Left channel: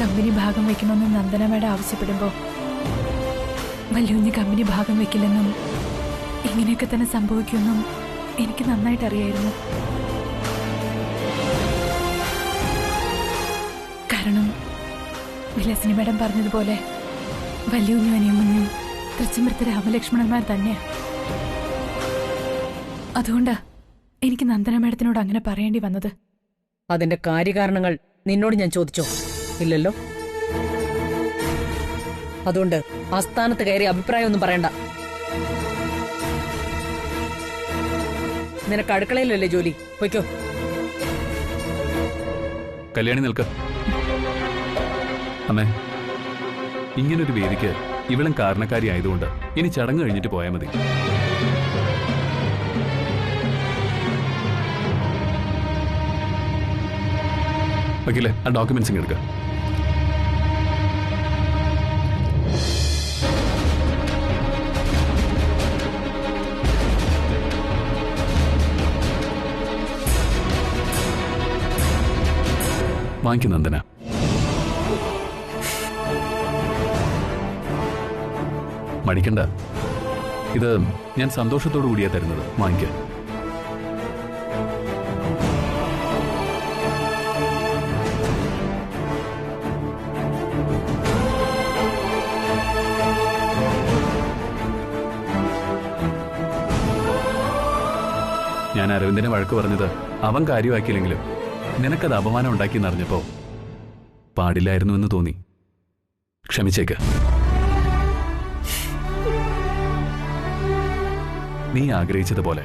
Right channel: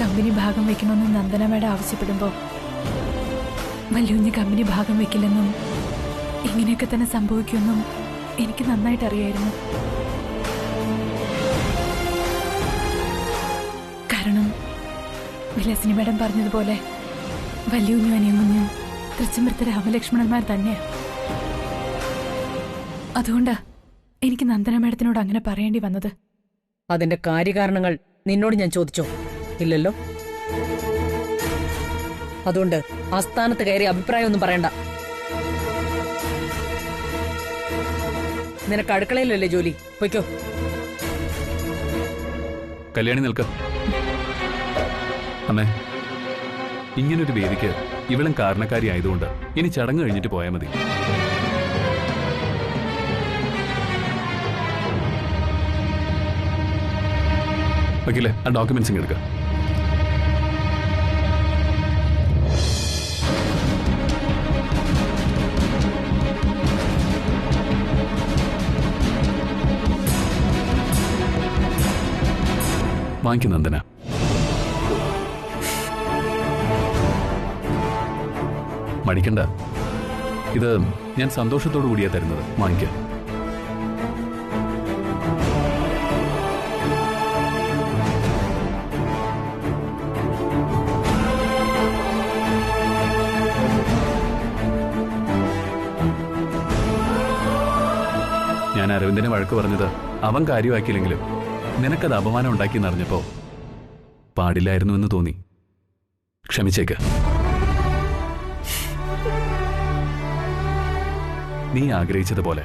Company ഭാഗം വെക്കണമെന്ന് Nandana madam ആവശ്യപ്പെടുമ്പോ വല്യുഞ്ഞ് company ഭാഗം വെക്കില്ലെന്നും ഇങ്ങനെയൊക്കെ തന്നെ സംഭവിക്കുമെന്നും എനിക്ക് നന്നായിട്ട് അറിയായിരുന്നു. കാരണം വിലാസിനി മേഡം പറഞ്ഞതുപോലെ വല്യുഞ്ഞും അനിയമുഞ്ഞും തൃച്ചമൃത്ത രാമലക്ഷ്മണന്മാർ തന്നെയാ. അതുകൊണ്ടാ എനിക്ക് നന്ദന മേഡത്തിനോട് അങ്ങനെ പറയേണ്ടി വന്നത്. അതിന്റെ കാര്യകാരണങ്ങൾ നിന്നോട് ഞാൻ ചോദിച്ചോ? ഇല്ലല്ലോ. അതുകൊണ്ട് ആസ്ഥാനത്ത് കയറി അഭിപ്രായമൊന്നും പറയണ്ട. നിനക്ക് അടുക്കളയിലല്ലേ ജോലി? പൊയ്ക്കോ. കല്യാണി നിൽക്ക. അമ്മേ, ഇങ്ങനൊരു വേദിക്ക് ഇവളും കാരണക്കാരി ആയതുകൊണ്ട് ഇനി ചടങ്ങ് കഴിഞ്ഞിട്ട് പോയാൽ മതി. വക്കീലെ, ആ ഡോക്യുമെന്റ്സ് ഇങ്ങ് എടുക്കുക. വാങ്ങിക്കും നന്ദന. മടിക്കണ്ട, ഇത് ഞാൻ സന്തോഷത്തോടു കൂടിയാ തരുന്നത്. വാങ്ങിക്ക. ഞാൻ അരവിന്ദനെ വഴക്ക് പറഞ്ഞത് അവൻ കാര്യമാക്കിയില്ലെങ്കിലും നിനക്കത് അപമാനം ഉണ്ടാക്കിയെന്നറിഞ്ഞപ്പോ പാടില്ലായിരുന്നു എന്ന് തോന്നി. ക്ഷമിച്ചേക്ക്. നീ ആഗ്രഹിച്ചതുപോലെ,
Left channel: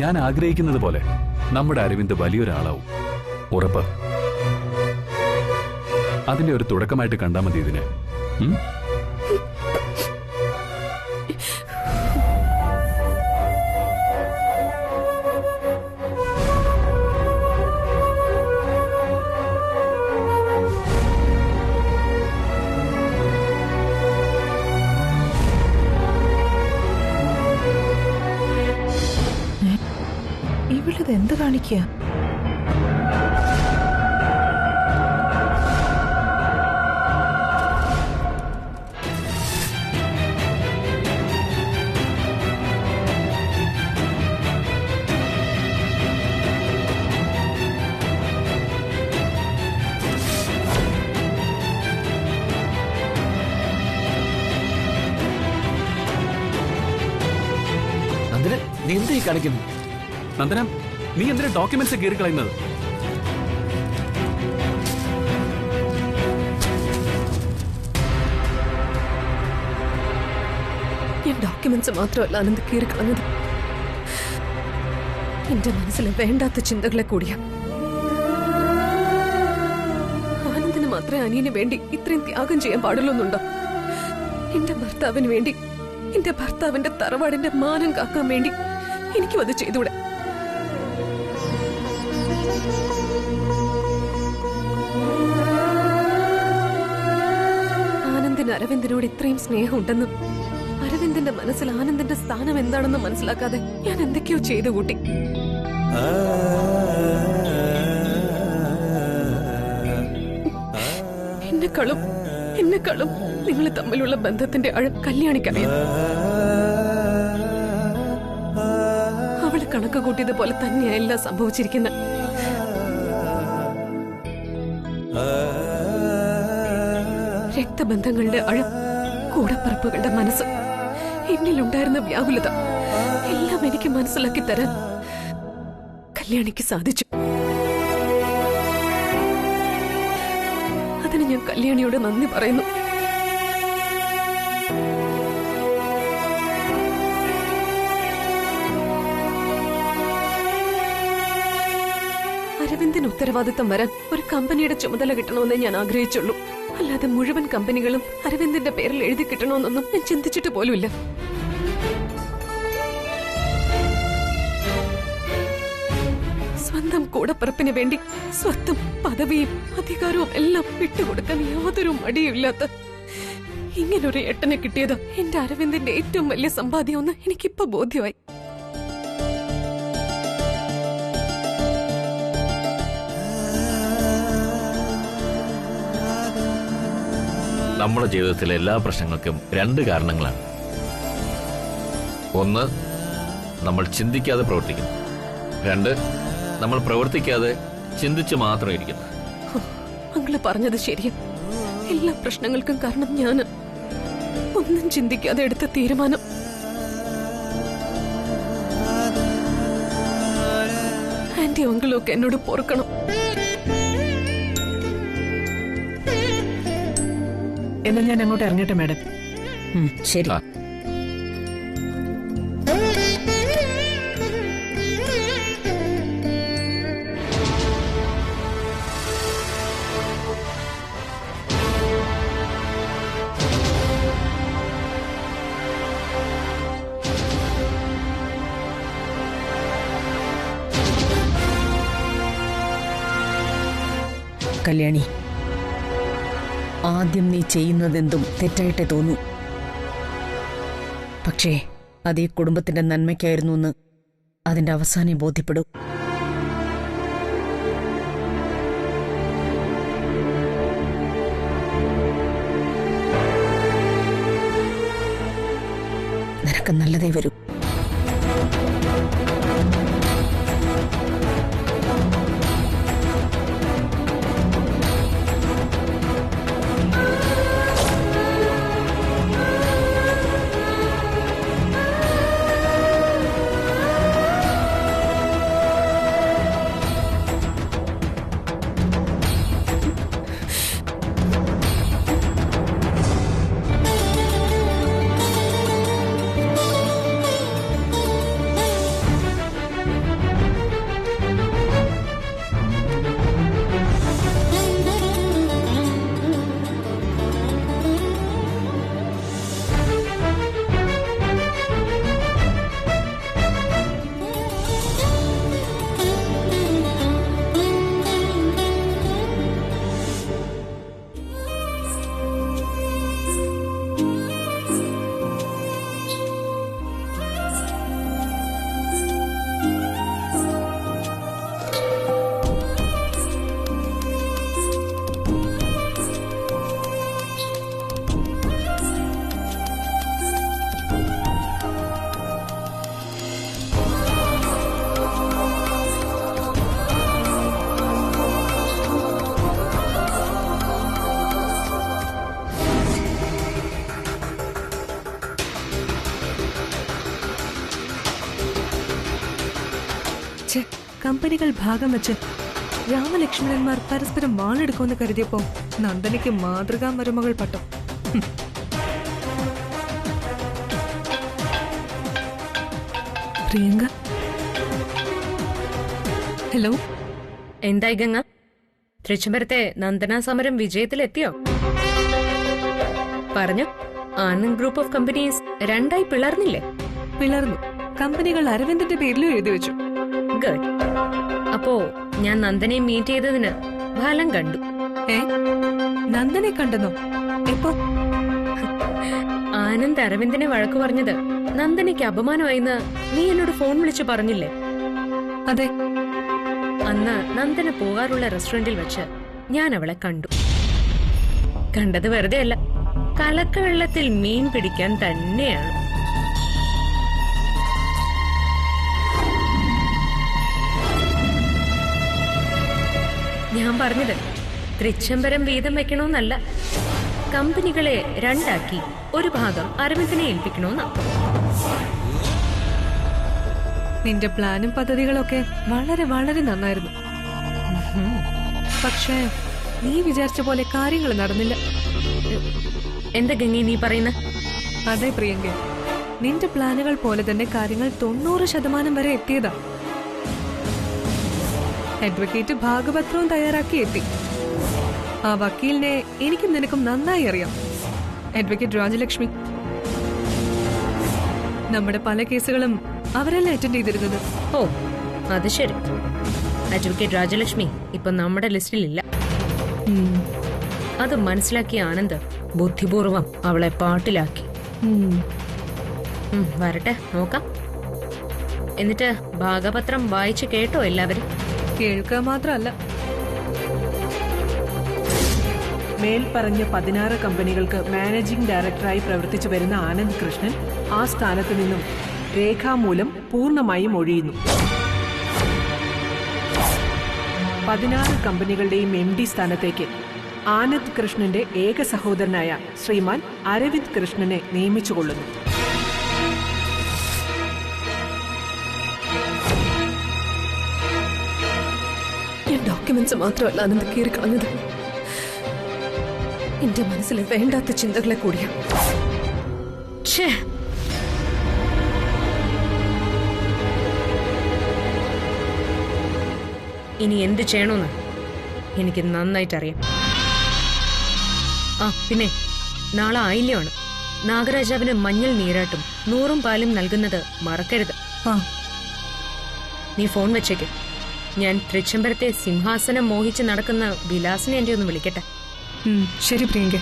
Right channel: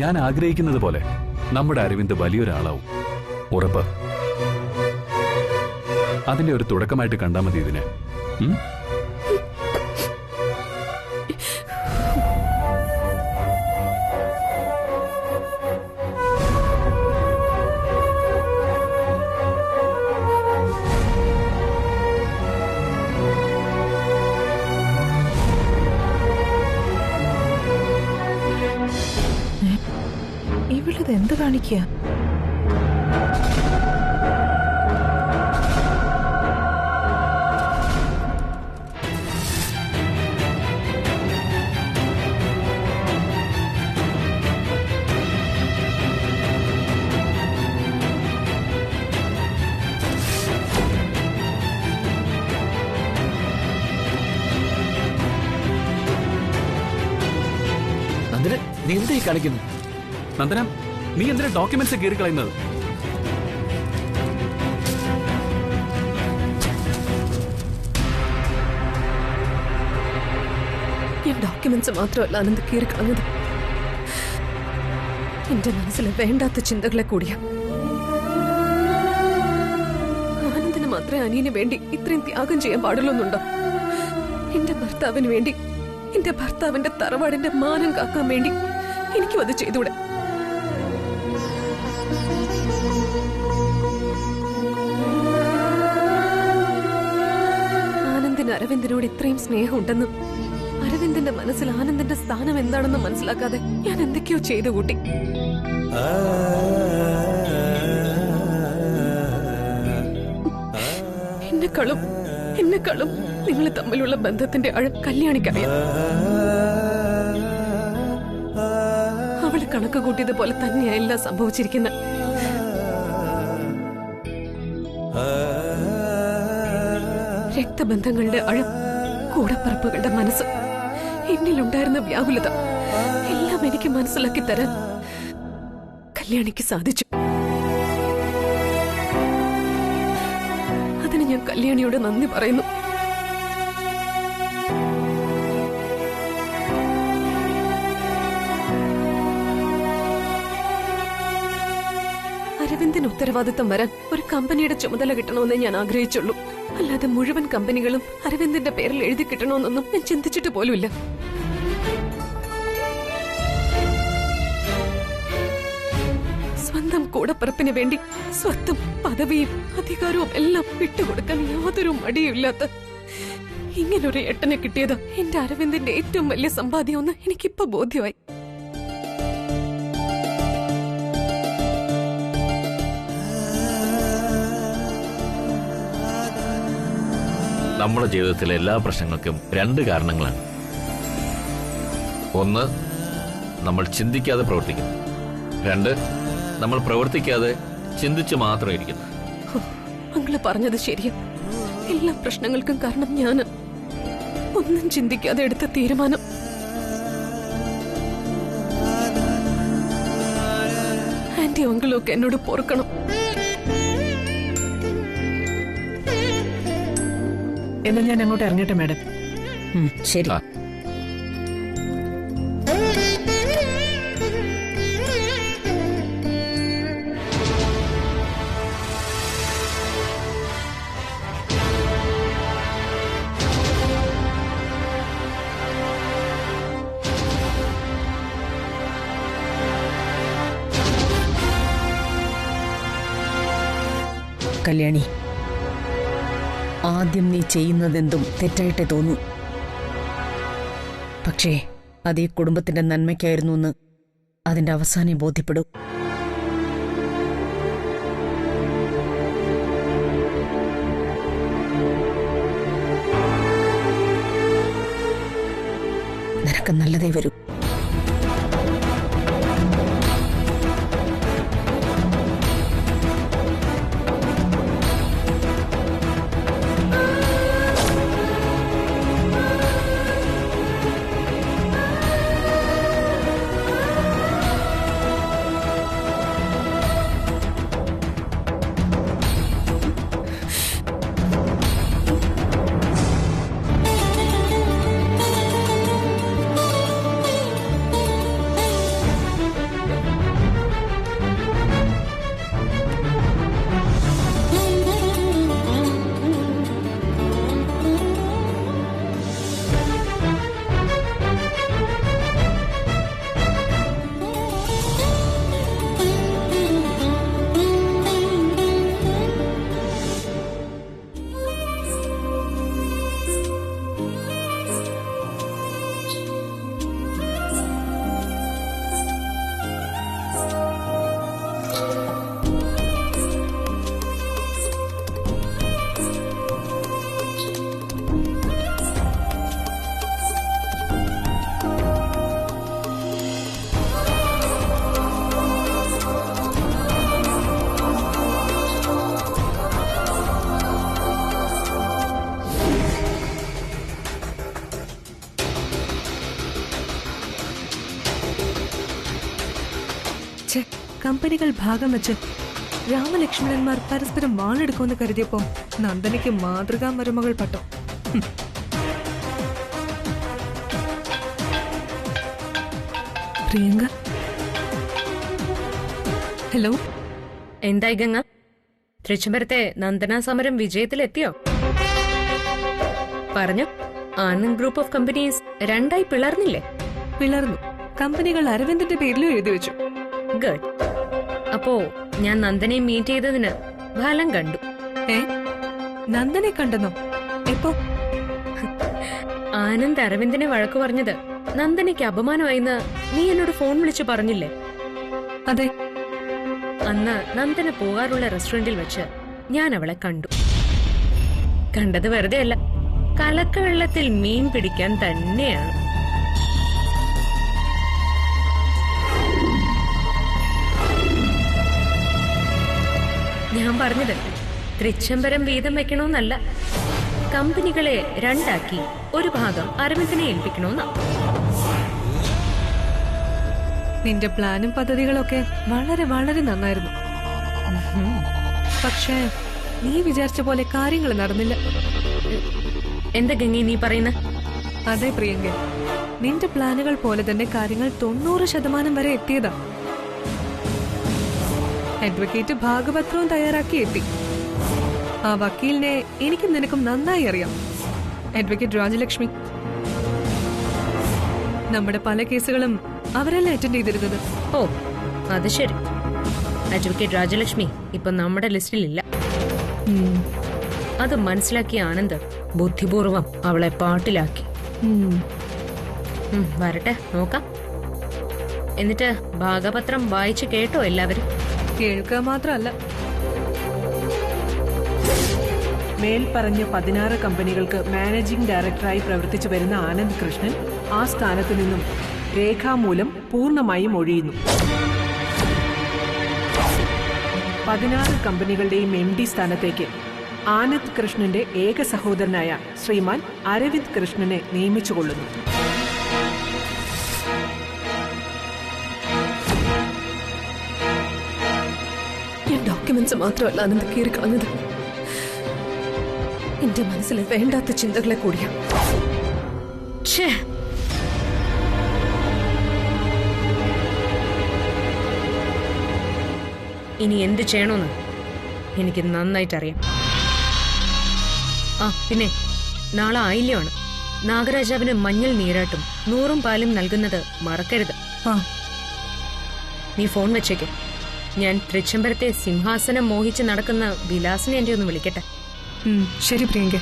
ഞാൻ ആഗ്രഹിക്കുന്നത് പോലെ നമ്മുടെ അരവിന്ദ് വലിയൊരാളാവും. ഉറപ്പ്. അതിന്റെ ഒരു തുടക്കമായിട്ട് കണ്ടാൽ മതി ഇതിനെ. ഇവളിത് എന്ത് കാണിക്കുക? നന്ദന, നീ എന്തായി കാണിക്കുന്നു? നന്ദന, നീ എന്തിനാ ഡോക്യുമെന്റ്സ് കീറിക്കളയുന്നത്? ഞാൻ ഡോക്യുമെന്റ്സ് മാത്രമല്ല ആനന്ദ് കീറിക്കളഞ്ഞത്, എന്റെ മനസ്സിലെ വേണ്ടാത്ത ചിന്തകളെ കൂടിയാ. ആനന്ദിന് മാത്രമേ അനിയന് വേണ്ടി ഇത്രയും ത്യാഗം ചെയ്യാൻ പാടുള്ളൂന്നുണ്ടോ? എന്റെ ഭർത്താവിന് വേണ്ടി, എന്റെ ഭർത്താവിന്റെ തറവാടിന്റെ മാനം കാക്കാൻ വേണ്ടി എനിക്കും അത് ചെയ്തൂടെ? ആനന്ദിന് അരവിന്ദനോട് ഇത്രയും സ്നേഹമുണ്ടെന്നും അരവിന്ദന്റെ മനസ്സിൽ ആനന്ദിന്റെ സ്ഥാനം എന്താണെന്ന് മനസ്സിലാക്കാതെ ഞാൻ എന്തൊക്കെയോ ചെയ്തു കൂട്ടി. എന്നെക്കാളും നിങ്ങൾ തമ്മിലുള്ള ബന്ധത്തിന്റെ ആഴം കല്യാണിക്കറിയാം. അവള് കണക്ക് കൂട്ടിയത് പോലെ തന്നെയാ എല്ലാം സംഭവിച്ചിരിക്കുന്ന. രക്തബന്ധങ്ങളുടെ ആഴം, കൂടപ്പറപ്പുകളുടെ മനസ്സ്, എന്നിലുണ്ടായിരുന്ന വ്യാകുലത എല്ലാം എനിക്ക് മനസ്സിലാക്കി തരാൻ കല്യാണിക്ക് സാധിച്ചു. അതിന് ഞാൻ കല്യാണിയോട് നന്ദി പറയുന്നു. അരവിന്ദിന് ഉത്തരവാദിത്തം വരാൻ ഒരു കമ്പനിയുടെ ചുമതല കിട്ടണമെന്നേ ഞാൻ ആഗ്രഹിച്ചുള്ളൂ. അല്ലാതെ മുഴുവൻ കമ്പനികളും അരവിന്ദിന്റെ പേരിൽ എഴുതി കിട്ടണമെന്നൊന്നും ഞാൻ ചിന്തിച്ചിട്ട് പോലുമില്ല. സ്വന്തം കൂടപ്പിറപ്പിന് വേണ്ടി സ്വത്തും പദവിയും അധികാരവും എല്ലാം വിട്ടുകൊടുക്കാൻ യാതൊരു മടിയുമില്ലാത്ത ഇങ്ങനൊരു ഏട്ടനെ കിട്ടിയത് എന്റെ അരവിന്ദിന്റെ ഏറ്റവും വലിയ സമ്പാദ്യമെന്ന് എനിക്കിപ്പോ ബോധ്യമായി. നമ്മുടെ ജീവിതത്തിലെ എല്ലാ പ്രശ്നങ്ങൾക്കും രണ്ട് കാരണങ്ങളാണ്. ഒന്ന്, നമ്മൾ ചിന്തിക്കാതെ പ്രവർത്തിക്കുന്നു. രണ്ട്, നമ്മൾ പ്രവർത്തിക്കാതെ ചിന്തിച്ചു മാത്രം ഇരിക്കുന്നു. അങ്ങള് പറഞ്ഞത് ശരിയാ. എല്ലാ പ്രശ്നങ്ങൾക്കും കാരണം ഞാൻ ഒന്നും ചിന്തിക്കാതെ എടുത്ത തീരുമാനം. ആന്റി അങ്കിളും ഒക്കെ എന്നോട് പൊറുക്കണം. എന്നാ ഞാൻ അങ്ങോട്ട് ഇറങ്ങട്ടെ മാഡം. ശരി. ആ. കല്യാണി, ആദ്യം നീ ചെയ്യുന്നതെന്തും തെറ്റായിട്ടേ തോന്നൂ. പക്ഷേ അത് ഈ കുടുംബത്തിന്റെ നന്മയ്ക്കായിരുന്നു എന്ന് അതിന്റെ അവസാനം ബോധ്യപ്പെടും. നിനക്ക് നല്ലതേ വരൂ. കമ്പനികൾ ഭാഗം വെച്ച് രാമലക്ഷ്മണന്മാർ പരസ്പരം വാളെടുക്കുമെന്ന് കരുതിയപ്പോ നന്ദനയ്ക്ക് മാതൃകാ മരുമകൾ പട്ടം. പ്രിയങ്ക, ഹലോ. എന്തായി ഗംഗ? തൃശ്ശൂരത്തെ നന്ദന സമരം വിജയത്തിലെത്തിയോ? പറഞ്ഞു. ആനന്ദ് ഗ്രൂപ്പ് ഓഫ് കമ്പനീസ് രണ്ടായി പിളർന്നില്ലേ? പിളർന്നു. കമ്പനികൾ അരവിന്ദിന്റെ പേരിലും എഴുതി വെച്ചു. ഗുഡ്. അപ്പോ ഞാൻ നന്ദനെ മീറ്റ് ചെയ്തതിന് ഫലം കണ്ടു. നന്ദനെ കണ്ടെന്നോ? എപ്പോ? ആനന്ദ് അരവിന്ദിനെ വഴക്കു പറഞ്ഞത് നന്ദനയ്ക്ക് അപമാനമായിന്ന് നീ എന്നോട് ഫോൺ വിളിച്ചു പറഞ്ഞില്ലേ? അതെ. അന്ന് നന്ദന പോകാറുള്ള റെസ്റ്റോറന്റിൽ വെച്ച് ഞാൻ അവളെ കണ്ടു. കണ്ടത് വെറുതെ അല്ല, കലക്കവെള്ളത്തിൽ മീൻ പിടിക്കാൻ തന്നെയാണ്. ഞാൻ പറഞ്ഞത് തൃച്ചംബരം വീതം വെക്കണമെന്നല്ല, കമ്പനികളെ രണ്ടാക്കി ഒരു ഭാഗം അരവിന്ദിനെ ഏൽപ്പിക്കണമെന്നാ. നിന്റെ പ്ലാനും പദ്ധതികളൊക്കെ വളരെ വളരെ നന്നായിരുന്നു. പക്ഷേ നീ വിചാരിച്ച പോലെ കാര്യങ്ങൾ നടന്നില്ല. എന്താ ഗംഗി നീ പറയുന്ന? അതെ പ്രിയങ്ക, നിന്റെ പ്ലാനുകൾ പോലെ തന്നെ കാര്യങ്ങൾ 90% വരെ എത്തിയതാ. അഡ്വക്കേറ്റ് ഭാഗപത്രവും തയ്യാറാക്കി എത്തി. ആ വക്കീലിനെ എനിക്കും നിനക്കും നന്നായി അറിയാം. അഡ്വക്കേറ്റ് രാജലക്ഷ്മി. നമ്മുടെ പല കേസുകളും അവരല്ലേ അറ്റൻഡ് ചെയ്തിരുന്നത്. ഓ, അത് ശരി. അഡ്വക്കേറ്റ് രാജലക്ഷ്മി ഇപ്പൊ നമ്മുടെ ലിസ്റ്റിലില്ല. അത് മനസ്സിലാക്കിയ ആനന്ദ് ബുദ്ധിപൂർവം അവളെ പാട്ടിലാക്കി. വരട്ടെ, നോക്കാം. എന്നിട്ട് ഭാഗപത്രം വായിച്ചു കേട്ടോ എല്ലാവരും? കേൾക്കുക മാത്രമല്ല, മേൽപ്പറഞ്ഞ 16 കമ്പനികൾക്ക് മാനേജിംഗ് ഡയറക്ടറായി പ്രവർത്തിച്ചു വരുന്ന ആനന്ദ് കൃഷ്ണൻ ആ സ്ഥാനത്ത് നിന്നും രേഖാമൂലം പൂർണ്ണമായും ഒഴിയുന്നു. 16 കമ്പനികളുടെയും MD സ്ഥാനത്തേക്ക് ആനന്ദ് കൃഷ്ണന്റെ ഏക സഹോദരനായ ശ്രീമാൻ അരവിന്ദ് കൃഷ്ണനെ നിയമിച്ചുകൊള്ളുന്നു. ഞാൻ ഡോക്യുമെന്റ്സ് മാത്രമല്ല ആനന്ദ് കീറിക്കളഞ്ഞത്, എന്റെ മനസ്സിലെ വേണ്ടാത്ത ചിന്തകളെ കൂടിയാ. ഛേ, ഇനി എന്ത് ചെയ്യണമെന്ന് എനിക്ക് നന്നായിട്ടറിയാം. ആ പിന്നെ നാളെ ആയില്യമാണ്. നാഗരാജാവിന് മഞ്ഞൾ നീരാട്ടും 100 പാലും നൽകുന്നത് മറക്കരുത്. നീ ഫോൺ വെച്ചേക്ക്. ഞാൻ തൃച്ചംബരത്തെ സിംഹാസനം മോഹിച്ച് നടക്കുന്ന വിലാസിനെ എന്റെ ഒന്ന് വിളിക്കട്ടെ. ശരി പ്രിയങ്ക.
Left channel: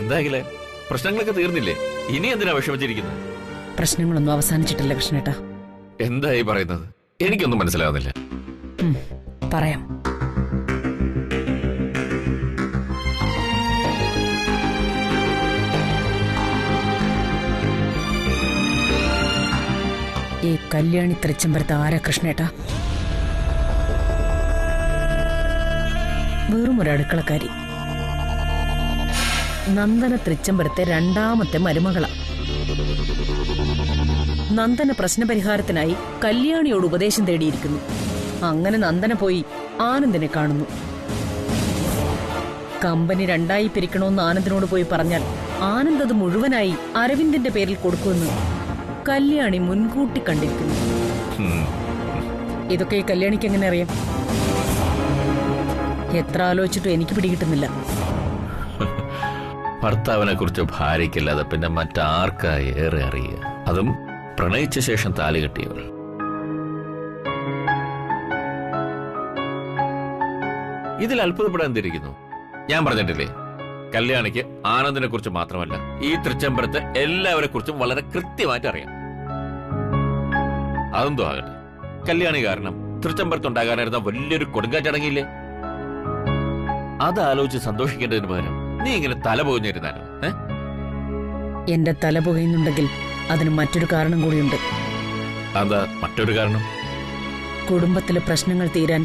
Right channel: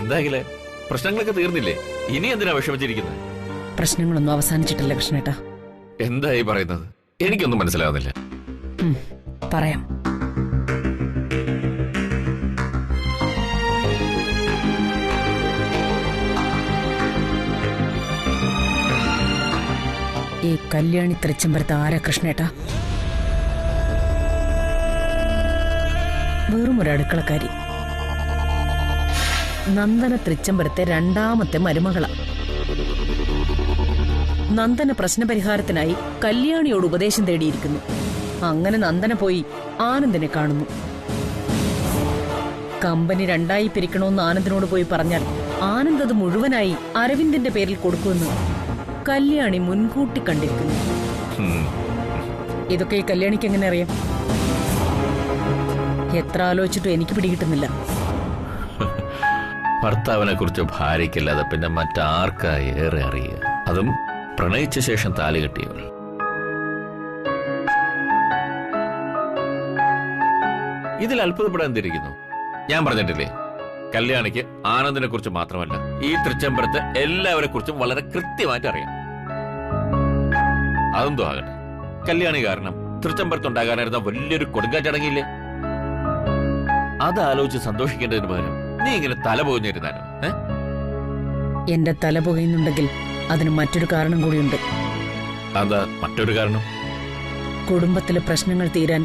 എന്തായാലേ പ്രശ്നങ്ങളൊക്കെ തീർന്നില്ലേ? ഇനി എന്തിനാ വിഷമിച്ചിരിക്കുന്നത്? പ്രശ്നങ്ങളൊന്നും അവസാനിച്ചിട്ടില്ല കൃഷ്ണേട്ടാ. എന്തായി പറയുന്നത്? എനിക്കൊന്നും മനസ്സിലാവുന്നില്ല. പറയാം. ഈ കല്യാണി തൃച്ചംബരത്ത് ആരാ കൃഷ്ണേട്ടാ? വെറും ഒരു അടുക്കളക്കാരി. നന്ദന തൃച്ചംബരത്തെ 2ാമത്തെ മരുമകള. നന്ദന പ്രശ്നപരിഹാരത്തിനായി കല്യാണിയോട് ഉപദേശം തേടിയിരിക്കുന്നു. അങ്ങനെ നന്ദന പോയി ആനന്ദിനെ കാണുന്നു. കമ്പനി 2ആയി പിരിക്കണമെന്ന് ആനന്ദിനോട് പോയി പറഞ്ഞാൽ ആനന്ദ് അത് മുഴുവനായി അരവിന്ദിന്റെ പേരിൽ കൊടുക്കുമെന്ന് കല്യാണി മുൻകൂട്ടി കണ്ടിരിക്കുന്നു. ഇതൊക്കെ ഈ കല്യാണിക്ക് എങ്ങനെ അറിയാം? എത്ര ആലോചിച്ചിട്ടും എനിക്ക് പിടികിട്ടുന്നില്ല. ഭർത്താവിനെ കുറിച്ച് ഭാര്യയ്ക്കല്ലാതെ പിന്നെ മറ്റാർക്കാ ഏറെ അറിയുക? അതും പ്രണയിച്ച ശേഷം താലി കെട്ടിയവൾ. ഇതിൽ അത്ഭുതപ്പെടാൻ എന്തിരിക്കുന്നു? ഞാൻ പറഞ്ഞിട്ടില്ലേ, കല്യാണിക്ക് ആനന്ദിനെ കുറിച്ച് മാത്രമല്ല ഈ തൃച്ചംബരത്തെ എല്ലാവരെ കുറിച്ചും വളരെ കൃത്യമായിട്ട് അറിയാം. അതെന്തോ ആകട്ടെ, കല്യാണി കാരണം തൃച്ചംബരത്തുണ്ടാകാനായിരുന്ന വലിയൊരു കൊടുങ്കാറ്റടങ്ങിയില്ലേ? അതാലോചിച്ച് സന്തോഷിക്കേണ്ടതിന് പകരം നീ ഇങ്ങനെ തല പോഞ്ഞിരുന്നാലോ? എന്റെ തല പുകയുന്നുണ്ടെങ്കിൽ അതിന് മറ്റൊരു കാരണം കൂടിയുണ്ട്. അതാ മറ്റൊരു കാരണം? കുടുംബത്തിലെ പ്രശ്നങ്ങൾ തീരാൻ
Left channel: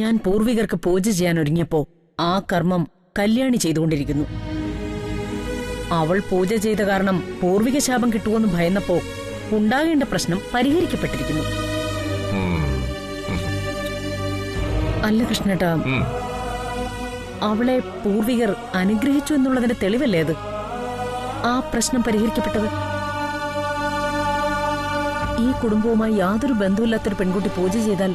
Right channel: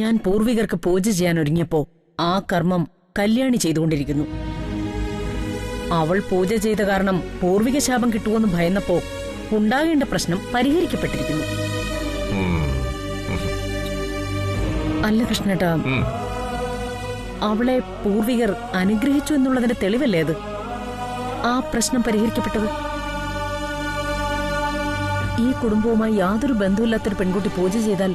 ഞാൻ പൂർവികർക്ക് പൂജ ചെയ്യാൻ ഒരുങ്ങിയപ്പോ ആ കർമ്മം കല്യാണി ചെയ്തുകൊണ്ടിരിക്കുന്നു. അവൾ പൂജ ചെയ്ത കാരണം പൂർവിക ശാപം കിട്ടുമെന്ന് ഭയന്നപ്പോ ഉണ്ടാകേണ്ട പ്രശ്നം പരിഹരിക്കപ്പെട്ടിരിക്കുന്നു. അല്ല കൃഷ്ണേട്ടാ, അവളെ പൂർവികർ അനുഗ്രഹിച്ചു എന്നുള്ളതിന്റെ തെളിവല്ലേ അത്? ആ പ്രശ്നം പരിഹരിക്കപ്പെട്ടത്. ഈ കുടുംബവുമായി യാതൊരു ബന്ധമില്ലാത്തൊരു പെൺകുട്ടി പൂജ ചെയ്താൽ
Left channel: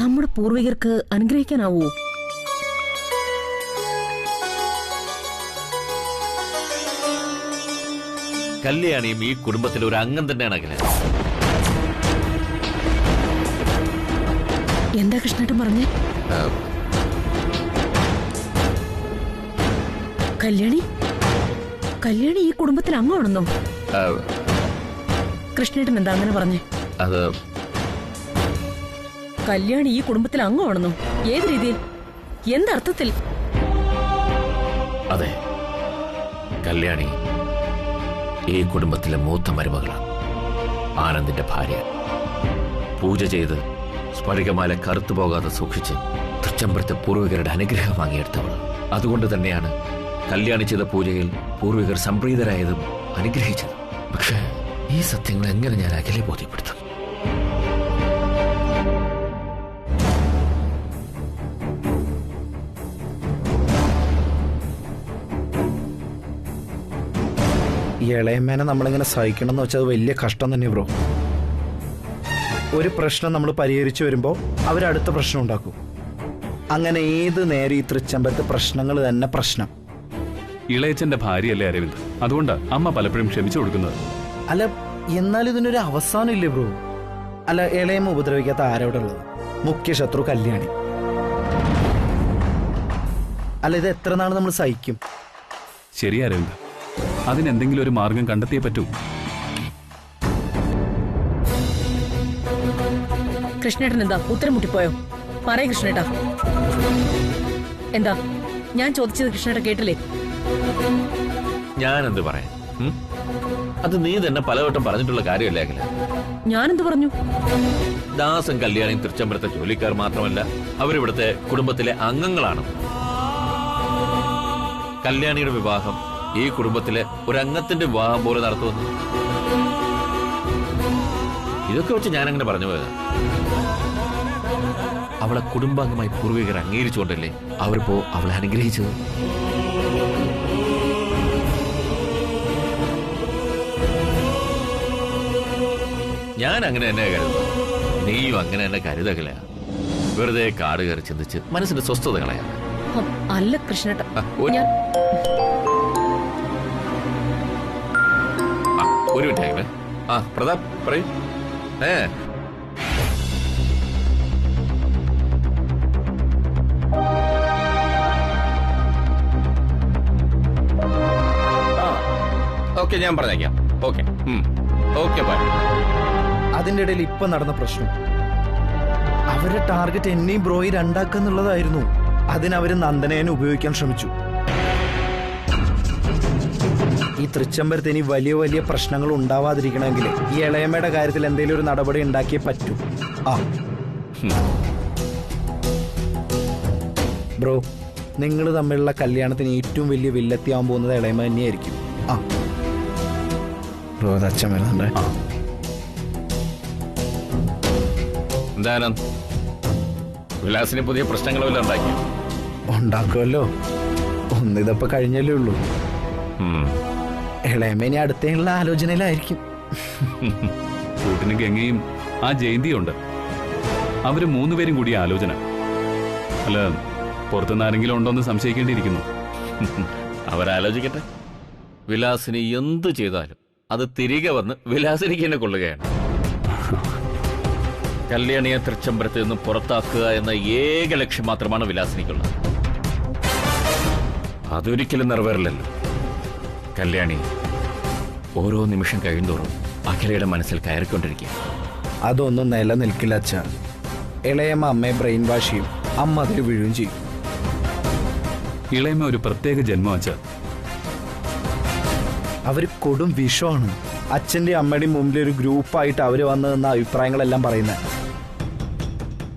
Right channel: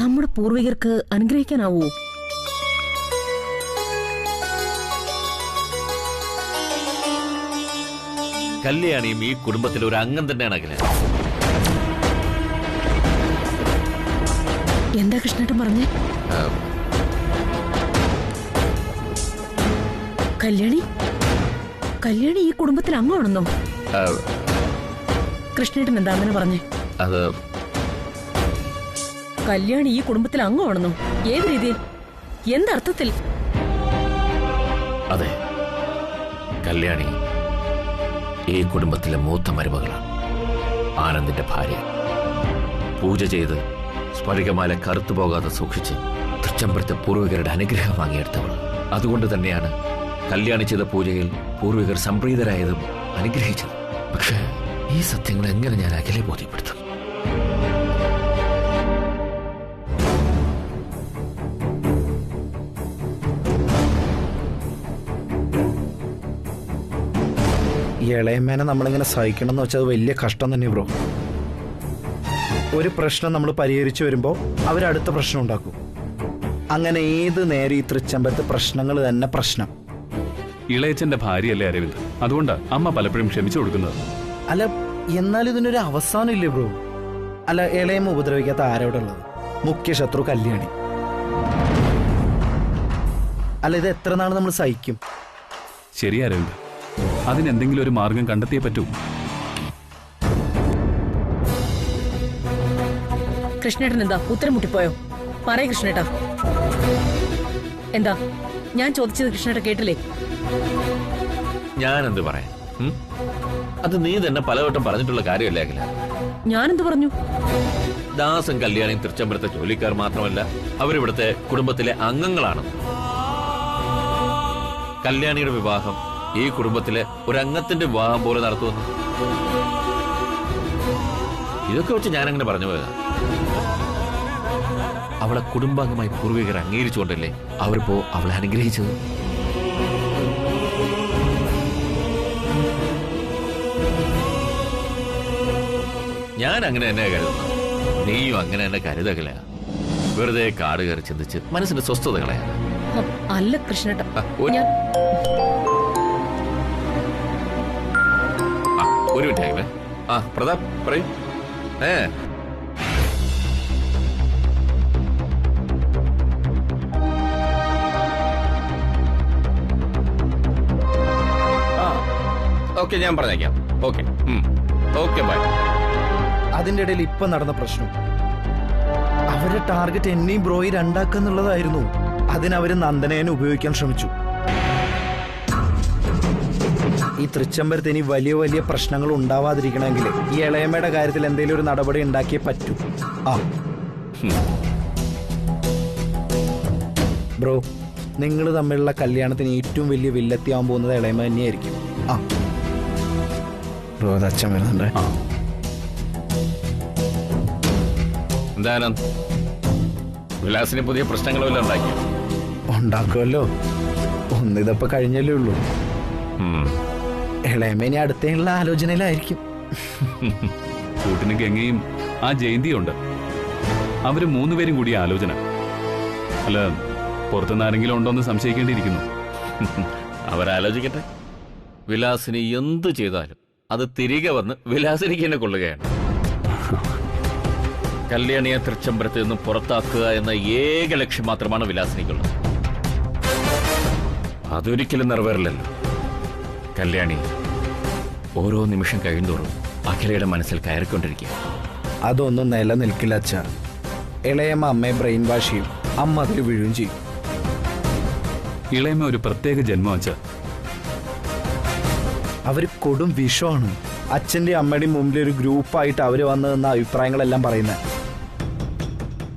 നമ്മുടെ പൂർവികർക്ക് അനുഗ്രഹിക്കാനാവൂ? കല്യാണിയും ഈ കുടുംബത്തിലെ ഒരു അംഗം തന്നെയാണ് അഖില. എന്താ കൃഷ്ണേട്ടൻ പറഞ്ഞേ? കല്യാണി കല്യാണി ഈ കുടുംബത്തിൽ അംഗമാണെന്നോ? കൃഷ്ണേട്ടൻ എന്താ അങ്ങനെ പറഞ്ഞേ? അത് കല്യാണി ഈ കുടുംബത്തിൽ അംഗമാണെന്നോ? ഏത് രീതിയിൽ? എന്തർത്ഥത്തിൽ? അതെ, കല്യാണി ഈ കുടുംബത്തിലെ മൂത്ത മരുമകളാണ്. ആനന്ദിന്റെ ഭാര്യ. പൂജ ചെയ്ത് സ്ഫടികമാല കറുത്തുപോകാതെ സൂക്ഷിച്ച് തൃച്ചംബരത്തെ പൂർവികരുടെ അനുഗ്രഹം വാങ്ങിയെടുത്തവൾ. അതുകൊണ്ട് തന്നെയാണ് കല്യാണി ചെയ്ത പൂജയിൽ പൂർവികർ സംപ്രീതരായതും അനുഗ്രഹിച്ചതും. പക്ഷേ ഈ സത്യങ്ങൾ എങ്ങനെ ഞാൻ അഖിലെ ബോധ്യപ്പെടുത്തും? ഈ ഇളയമ്മേനെ നമ്മളിങ്ങനെ സഹിക്കണം എന്ന് വെച്ചാൽ അത് വലിയ കഷ്ടം തന്നെ ബ്രോ. ഒരു പ്രശ്നം നമ്മൾ പരിഹരിച്ചു വരുമ്പോൾ അവരടുത്ത പ്രശ്നം ഉണ്ടാക്കും. അങ്ങനെ ഏത് നേരം ഈ തൃച്ചമ്പരത്ത് പ്രശ്നങ്ങൾ തന്നെ പ്രശ്നം. ഇളയച്ചന്റെ ഭാര്യയല്ലേ അരവിന്ദ്, അതുകൊണ്ടാ അമ്മ പലപ്പോഴും ക്ഷമിച്ചു കൊടുക്കുന്നത്. അല്ല, എന്നാൽ ഇതിനൊരു അവസാനം ഇല്ലേ ബ്രോ? അല്ല, ഇളയമ്മ ഉപദ്രവിക്കാത്ത ആരോടെ ഉള്ളത്? മുഖ്യ ശത്രു കല്യാണി. അല്ല, ഇത് എത്ര നാൾ നമ്മൾ സഹിക്കും? ശരി അരവിന്ദ്, അതിനെന്തെങ്കിലും ഒരു മാർഗം കണ്ടെത്തിയേ പറ്റൂ. കൃഷ്ണേട്ടൻ എന്താ ഉത്തരം മുട്ടിപ്പോയോ? പറയ കൃഷ്ണേട്ടാ. എന്താ ഞാൻ ചോദിച്ചത് കൃഷ്ണേട്ട കേട്ടില്ലേ? ഞാനെന്ത് പറയാൻ? അത് നീ തന്നെ പലവട്ടം പറഞ്ഞിട്ടുള്ള കാര്യമല്ലേ അഖില? ഞാനെന്ത് പറഞ്ഞു? ദാസും കല്യാണിയും തൃച്ചമ്പരത്തെ ജോലിക്കാർ മാത്രമല്ല, അവരിവിടുത്തെ കുടുംബത്തിലെ അംഗങ്ങളാണ്. കല്യാണിയുടെ വിവാഹം ഈ കുടുംബത്തിലെ ഒരു അംഗത്തിന്റെ വിവാഹം പോലെ നടത്തുമെന്ന് ഇതൊക്കെ വെച്ച് ഞാനങ്ങനെ പറഞ്ഞു പോയതാ. അവളെ കുടുംബാംഗമായി പൂർവികർ അംഗീകരിച്ചുകൊണ്ടല്ലേ അവരിപ്പോ അവളെ അനുഗ്രഹിച്ചത്. ഞാൻ അങ്ങനെ തന്നെ കരുതുന്നത്. നീയും അങ്ങനെ തന്നെ കരുതകല. വെറുതെ കാട് കയറി ചിന്തിച്ച് മനസ്സിന്റെ സ്വസ്ഥത കളയാണ്. അല്ല കൃഷ്ണേട്ട, ഒരു മിനിറ്റ്. പ്രതാപ് പറയൂ. ഓക്കെ, ഞാൻ പറഞ്ഞേക്കാം. Okay okay, bye. അതിന്റെ ഇടയിൽ ഇപ്പൊ നടന്ന പ്രശ്നം അവരുടെ ടാർഗറ്റ് എന്നെയും ബ്രോയി രണ്ടാക്കുന്നുള്ളതായിരുന്നു. അതിനവര് നന്ദനേനെ ഉപയോഗിക്കാൻ ശ്രമിച്ചു. ഈ തൃച്ചമ്പരത്ത് ഇനി വലിയ വലിയ പ്രശ്നങ്ങൾ ഉണ്ടാവാതിരിക്കണമെങ്കിൽ ഈ ഇളയമ്മയുടെ കാര്യത്തിൽ എന്തെങ്കിലും ഒരു നടപടി ഉണ്ടാക്കിയേ പറ്റൂ. ബ്രോ, നിങ്ങൾ തമ്മിലുള്ള കല്യാണത്തിന് ഏറ്റവും വലിയ വില്ലത്തിയാവാൻ പോകുന്നത് ഇളയമ്മ തന്നെയായിരിക്കും. ബ്രോ, അത് അച്ഛൻ വരുന്നുണ്ട്. എന്തായാലും വിലാസിന് പുതിയ പ്രശ്നങ്ങളെല്ലാം ഉണ്ടാക്കുമല്ലോ. ഒന്നിതപ്പോ കഴിഞ്ഞല്ലേ ഉള്ളൂ. ഇളയമ്മ ഇനി അടുത്തുള്ള ആലോചനയിലായിരിക്കും. കൂട്ടിന് ഗംഗയും ആ ജയന്തിയും ഉണ്ട്. അവര് മൂന്നുപേരും കൂടി ആലോചന. അല്ല, പുറത്തുനിന്ന് ആരെങ്കിലും ഉണ്ടോന്ന് സംശയിക്കേണ്ടിയിരിക്കുന്നു. അവരാലോചിക്കട്ടെ. വിലാസിനി എന്ത് ചെയ്താലും അത് തിരികെ വന്ന് വിലാസിനിക്ക് തന്നെ കൊള്ളുകയാണ്. കല്യാണിയെ തൃച്ചമ്പരത്ത് നിന്ന് പുറത്താക്കുക എന്ന ഏക ലക്ഷ്യം മാത്രമാണ് വിലാസിനിക്കുള്ളത്. അതൊരിക്കലും നിറവേറില്ലല്ലോ. കല്യാണി ഓരോ നിമിഷം കഴിയുന്തോറും അഖിലയുടെ മനസ്സിൽ കയറിക്കൊണ്ടിരിക്കുക. അതൊന്നും നിലനിൽക്കില്ല അച്ഛ. ഇളയമ്മ അമ്മയെ ബ്രെയിൻ വാഷ് ചെയ്യും, അമ്മ അതിൽ വീഴുകയും ചെയ്യും. ഇളയമ്മ ഒരു പ്രത്യേക ജന്മം അച്ഛ. അവര് കൊടും വിഷമാണ്. അച്ഛന്റെ അമ്മയുടെയും മുമ്പിൽ ഒരു ഗ്രൂപ്പായിട്ട് അവര് വന്ന് നിന്ന അഭിപ്രായങ്ങളെല്ലാം പറയുന്നത്.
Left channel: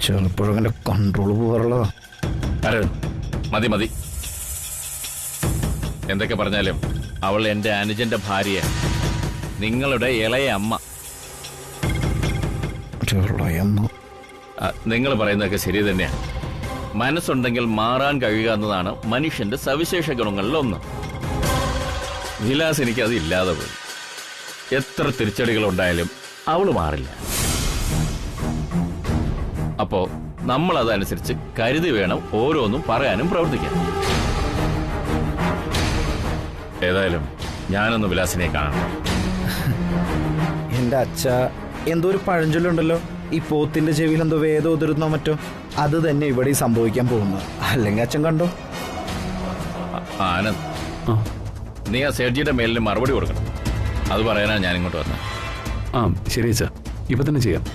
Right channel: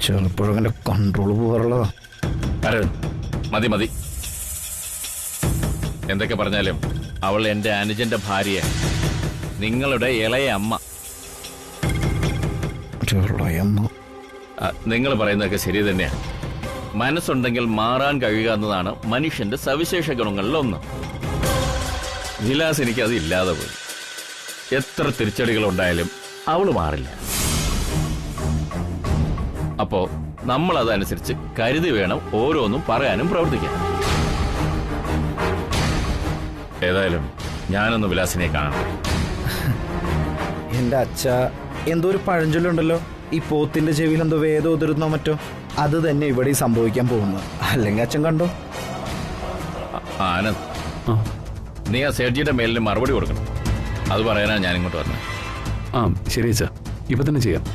ചെറുപ്പോഴും കൺട്രോൾ പോകാറുള്ളതാ. മതി മതി, എന്തൊക്കെ പറഞ്ഞാലും അവൾ എന്റെ അനുജന്റെ ഭാര്യ, നിങ്ങളുടെ ഇളയ അമ്മ. നിങ്ങൾ പറയുന്നതൊക്കെ ശരി തന്നെയാണ്. മനസ്സുണ്ടെങ്കിൽ മാറാൻ കഴിയുക എന്നതാണ് മനുഷ്യന്റെ സവിശേഷ ഗുണങ്ങളിലൊന്ന്. വിലാസ് എനിക്ക് അത് ഇല്ലാതെ പോയി. എത്ര തിരിച്ചടികൾ ഉണ്ടായാലും അവള് മാറില്ല. അപ്പോ നമ്മൾ അതനുസരിച്ച് കരുതി വേണം ഓരോന്നും പറയാനും പ്രവർത്തിക്കാൻ. ഏതായാലും ഞാനൊന്ന് വിലാസിനെ കാണട്ടെ. എന്റെ അച്ഛ, എന്തോ ഒരു പഴഞ്ചൊല്ലുണ്ടല്ലോ, ഈ പോത്തിന്റെ ചെവിയിൽ എന്തോ വേദം ഉതിരുന്നോ മറ്റോ, അത് തന്നെ ഇവിടെ സംഭവിക്കാൻ പോകുന്നത്. അല്ലെങ്കിൽ അച്ഛൻ കണ്ടോ. ആനന്ദ്, നീ ആ സേഠ്ജിയുടെ മേലിന് മറുപടി കൊടുക്കണം. അത് പറയാനാ ഞാൻ ഇങ്ങോട്ട് വന്നത്. ശരി അച്ഛാ, ഇപ്പൊ തന്നെ ചെയ്യാം.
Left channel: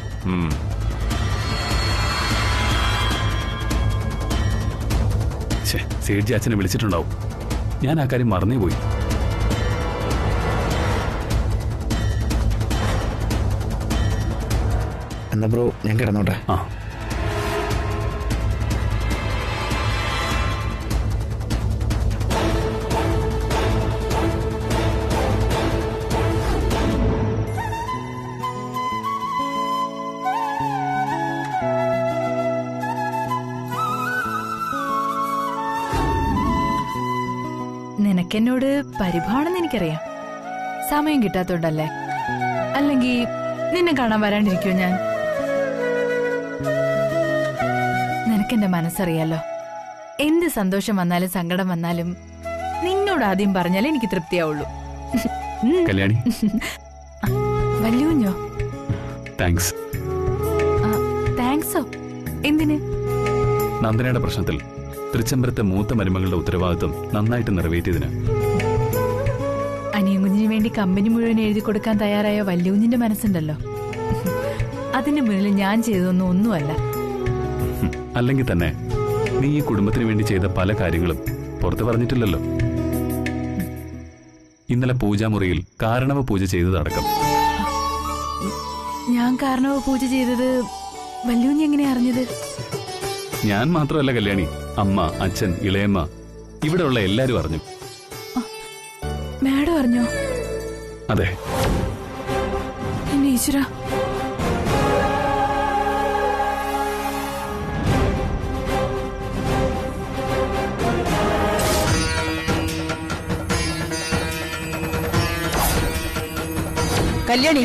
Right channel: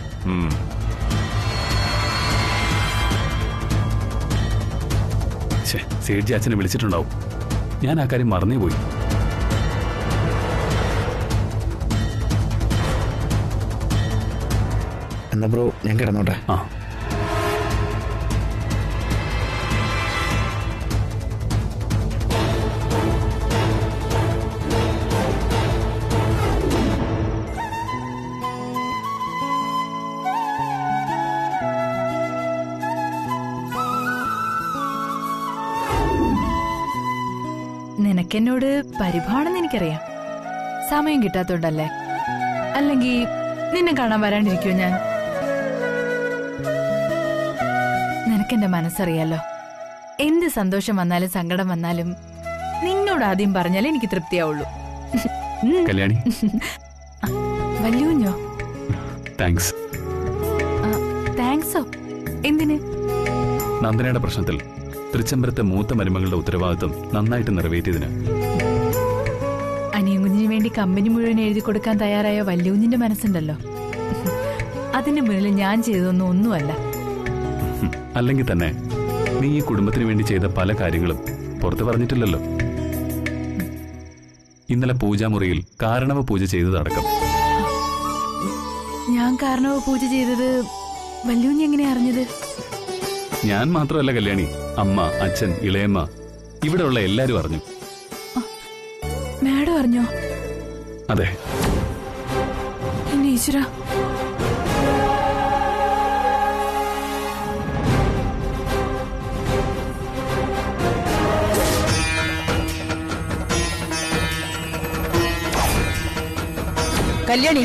സേഠ്ജി അച്ഛനെ വിളിച്ചിട്ടുണ്ടാവും. ഞാൻ ആ കാര്യം മറന്നേ പോയി. എന്നാ ബ്രോ, ഞാൻ കിടന്നോട്ടെ. നിനക്കെന്നോട് പരിഭവമാണെന്ന് എനിക്കറിയാം. സമയം കിട്ടാത്തോണ്ടല്ലേ? അല്ലെങ്കിൽ നിന്നെ കാണാൻ വരാണ്ടിരിക്കുവോ ഞാൻ? നിനക്കെന്റെ മനസ്സറിയാലോ. എന്ത് സന്തോഷം വന്നാലും സങ്കടം വന്നാലും നിന്നോട് ആദ്യം പറഞ്ഞാലേ എനിക്ക് തൃപ്തിയാവുള്ളൂ. കല്യാണി, വല്യൂഞ്ഞോ? താങ്ക്സ്. താങ്ക്സോ? എന്തിന്? നന്ദനയുടെ പ്രശ്നത്തിൽ തൃച്ചംബരത്തെ മൂത്ത മരുമകളുടെ ഉത്തരവാദിത്വം നന്നായിട്ട് നിറവേറ്റിയതിന്. അനിയൻ കുഞ്ഞിന് വേണ്ടി കമ്പനി മുഴുവൻ എഴുതി കൊടുക്കാൻ തയ്യാറായ വല്യൂഞ്ഞിന്റെ മനസ്സുണ്ടല്ലോ. അതിന് മുന്നിൽ ഞാൻ ചെയ്തതൊന്നും ഒന്നുമല്ല. അല്ലെങ്കിൽ തന്നെ നീ ഈ കുടുംബത്തിന് വേണ്ടി ചെയ്ത പല കാര്യങ്ങളും പുറത്ത് പറഞ്ഞിട്ടില്ലല്ലോ. ഇന്നലെ പൂജാമുറിയിൽ കാരണവ പൂജ ചെയ്തതടക്കം. ഞാൻ കാരണവ പൂജ ചെയ്തത് വല്യൂഞ്ഞി എങ്ങനെ അറിഞ്ഞത്? ഞാൻ മാത്രമല്ല കല്യാണി, അമ്മ, അച്ഛൻ, ഇളയമ്മ, ഇവിടെയുള്ള എല്ലാരും അറിഞ്ഞു. മാഡം അറിഞ്ഞോ? അതെ. എന്നെ ഈശ്വര. കല്യാണി,